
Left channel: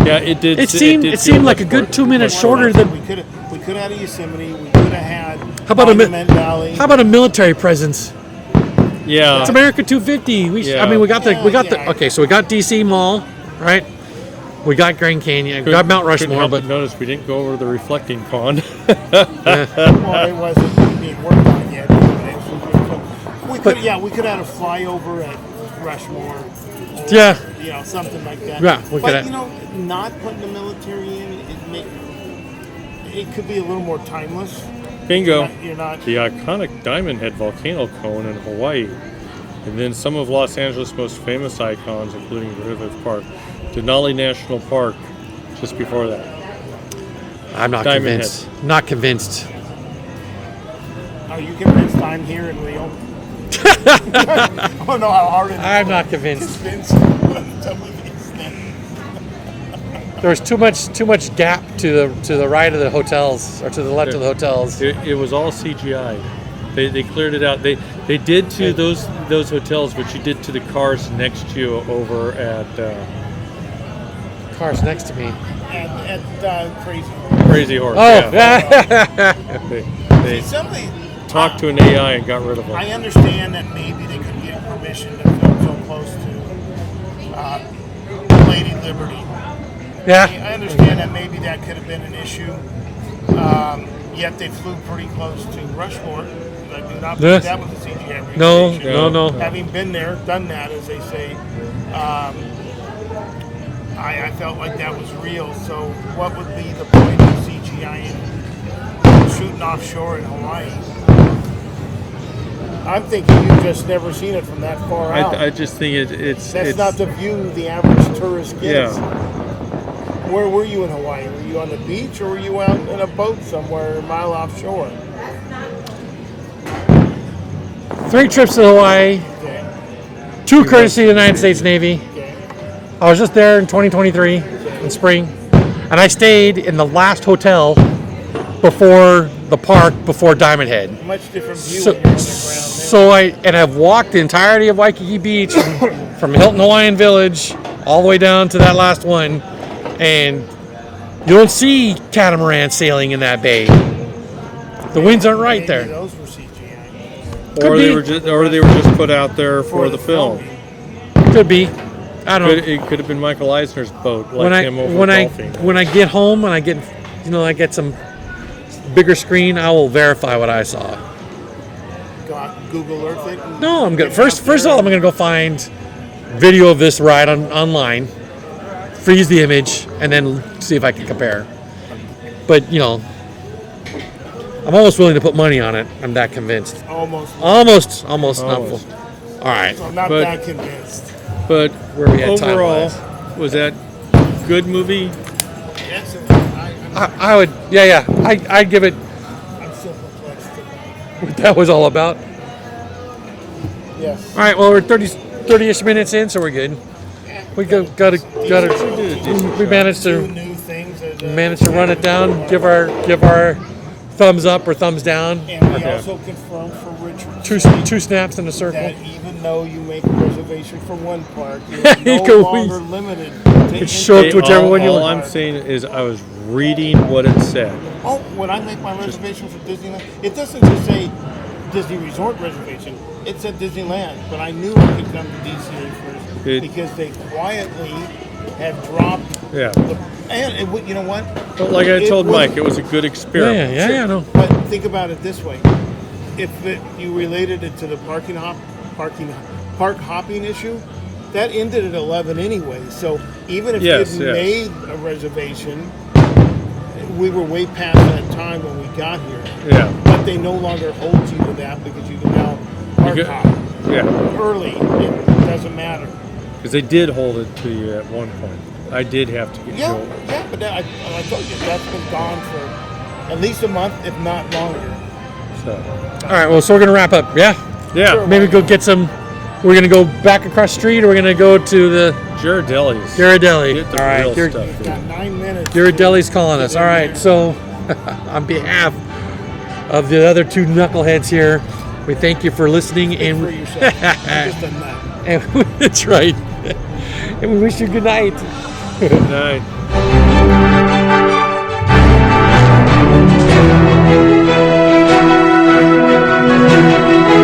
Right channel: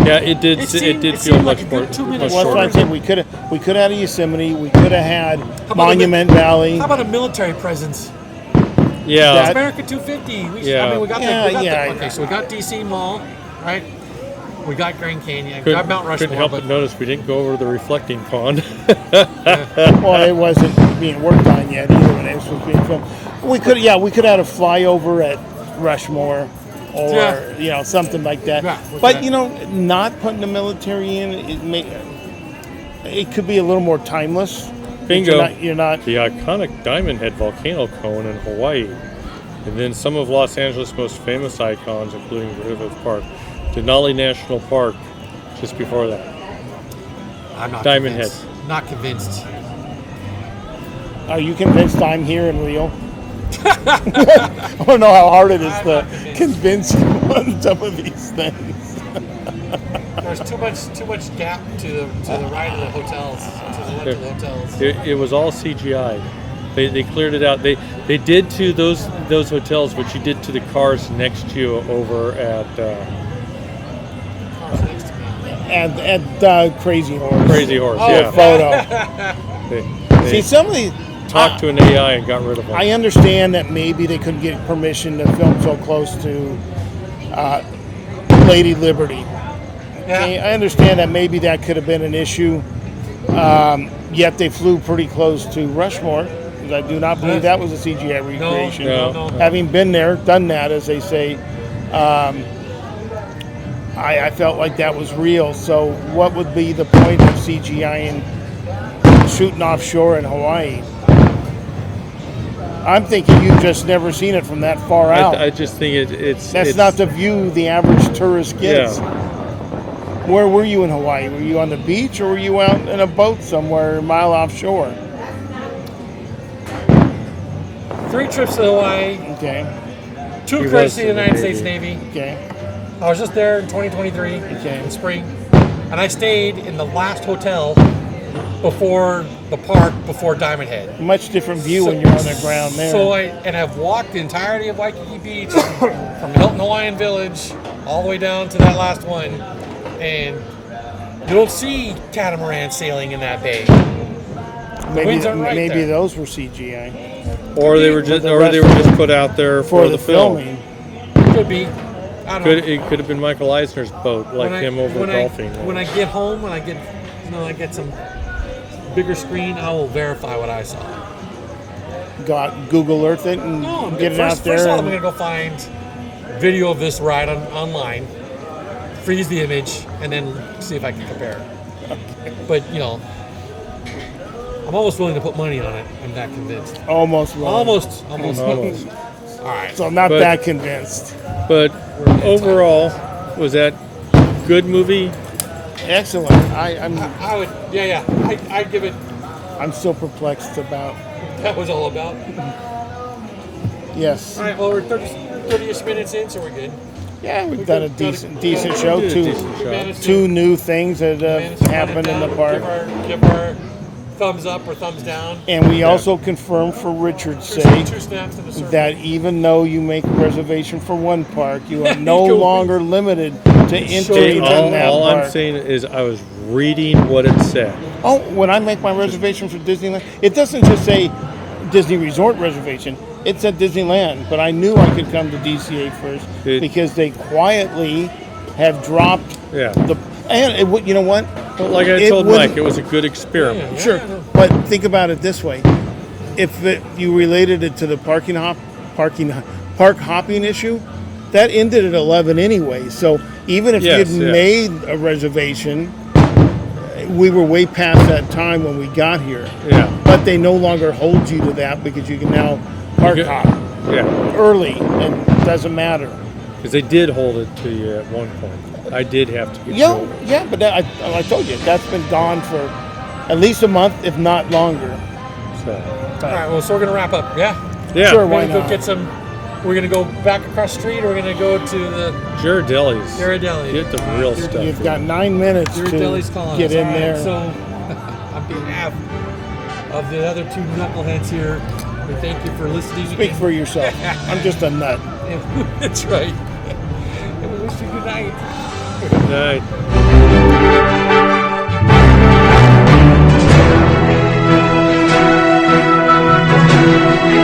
Yeah, it did. It seemed like a good 2 minutes shorter than we could have had a Yosemite. We could have had Monument Valley. How about a military presence? Yeah, it's America 250. We got the okay. So we got DC Mall, right? We got Grand Canyon. We got Mount Rushmore. Couldn't help but notice we didn't go over the reflecting pond. Well, it wasn't being worked on yet either. But it was being filmed. We could have had a flyover at Rushmore. Or, something like that. Yeah, but, not putting the military in, it could be a little more timeless. Bingo. You're not. The iconic Diamond Head volcano cone in Hawaii. And then some of Los Angeles' most famous icons, including Griffith Park. Denali National Park, just before that. I'm not Diamond convinced. Head. Not convinced. Are you convinced I'm here in Rio? I don't know how hard it is. I'm not convinced. On some of these things. There's too much gap to the right of the hotels or to the left of the hotels. It was all CGI. They cleared it out. They did to those hotels what you did to the cars next to you over at cars next to me. At Crazy Horse. Crazy Horse. Oh, yeah. See, some of these talked to an AI and got rid of them. I understand that maybe they couldn't get permission to film so close to Lady Liberty. Yeah. I understand that maybe that could have been an issue. Yet they flew pretty close to Rushmore. Because I do not believe that was a CGI recreation. No. Having been there, done that, as they say, I felt like that was real. So what would be the point of CGI in shooting offshore in Hawaii? I'm thinking you've just never seen it from that far out. I just think it's not the view the average tourist gets. Yeah. Where were you in Hawaii? Were you on the beach or were you out in a boat somewhere a mile offshore? 3 trips to Hawaii. Okay. 2 courtesy of the United States Navy. Okay. I was just there in 2023 in spring, and I stayed in the last hotel before the park, before Diamond Head. Much different view when you're on the ground there. So I've walked the entirety of Waikiki Beach from Hilton Hawaiian Village all the way down to that last one, and you don't see catamaran sailing in that bay. The winds aren't right there. Maybe those were CGI. Or they were just put out there for the film. filming. Could be. I don't know. It could have been Michael Eisner's boat, golfing. When I get home and I get some bigger screen, I will verify what I saw. Got Google Earth it? And No, I'm get good. it First out there of all, I'm and- going to go find video of this ride online, freeze the image, and then see if I can compare. But I'm almost willing to put money on it. I'm that convinced. Almost. Almost. Almost. All right. So I'm not But- that convinced. But Where we at overall, time-wise? was that good movie? Excellent. I would. Yeah. I'd give it. I'm still perplexed about. What that was all about. Yes. All right. Well, we're 30-ish minutes in, so we're good. Yeah, We got a decent show. We managed Two to new things that managed to run it down. Give our thumbs up or thumbs down. And we also confirmed for Richard Two snaps in a circle. that even though you make a reservation for one park, you are no go- longer limited to show entering whichever one you all park. I'm saying is I was reading what it said. Oh, when I make my reservation for Disneyland, it doesn't just say Disney Resort reservation. It said Disneyland, but I knew I could come to DCA first because they quietly have dropped Yeah. you know what? But like I It told wouldn't- Mike, it was a good experiment. Yeah, no. But think about it this way: if you related it to the park hopping issue, that ended at 11 anyway. So even if Yes, you'd yes. made a reservation, we were way past that time when we got here. Yeah. But they no longer hold you to that because you can now park You hop Yeah. early, and it doesn't matter. Because they did hold it to you at one point. I did have to get you. Yeah, but I told you that's been gone for at least a month, if not longer. So. All right. Well, so we're gonna wrap up. Yeah. Yeah. Sure. Maybe Why go not? get some. We're gonna go back across the street, or we're gonna go to the Ghirardelli's. Ghirardelli. Get the All right, real Ghir- stuff. You've got 9 minutes. Ghirardelli's to calling get us. in All right. there. So, on behalf of the other two knuckleheads here, we thank you for listening. Speak for yourself. I'm just a nut. And that's right. And we wish you good night. Good night. Thank you.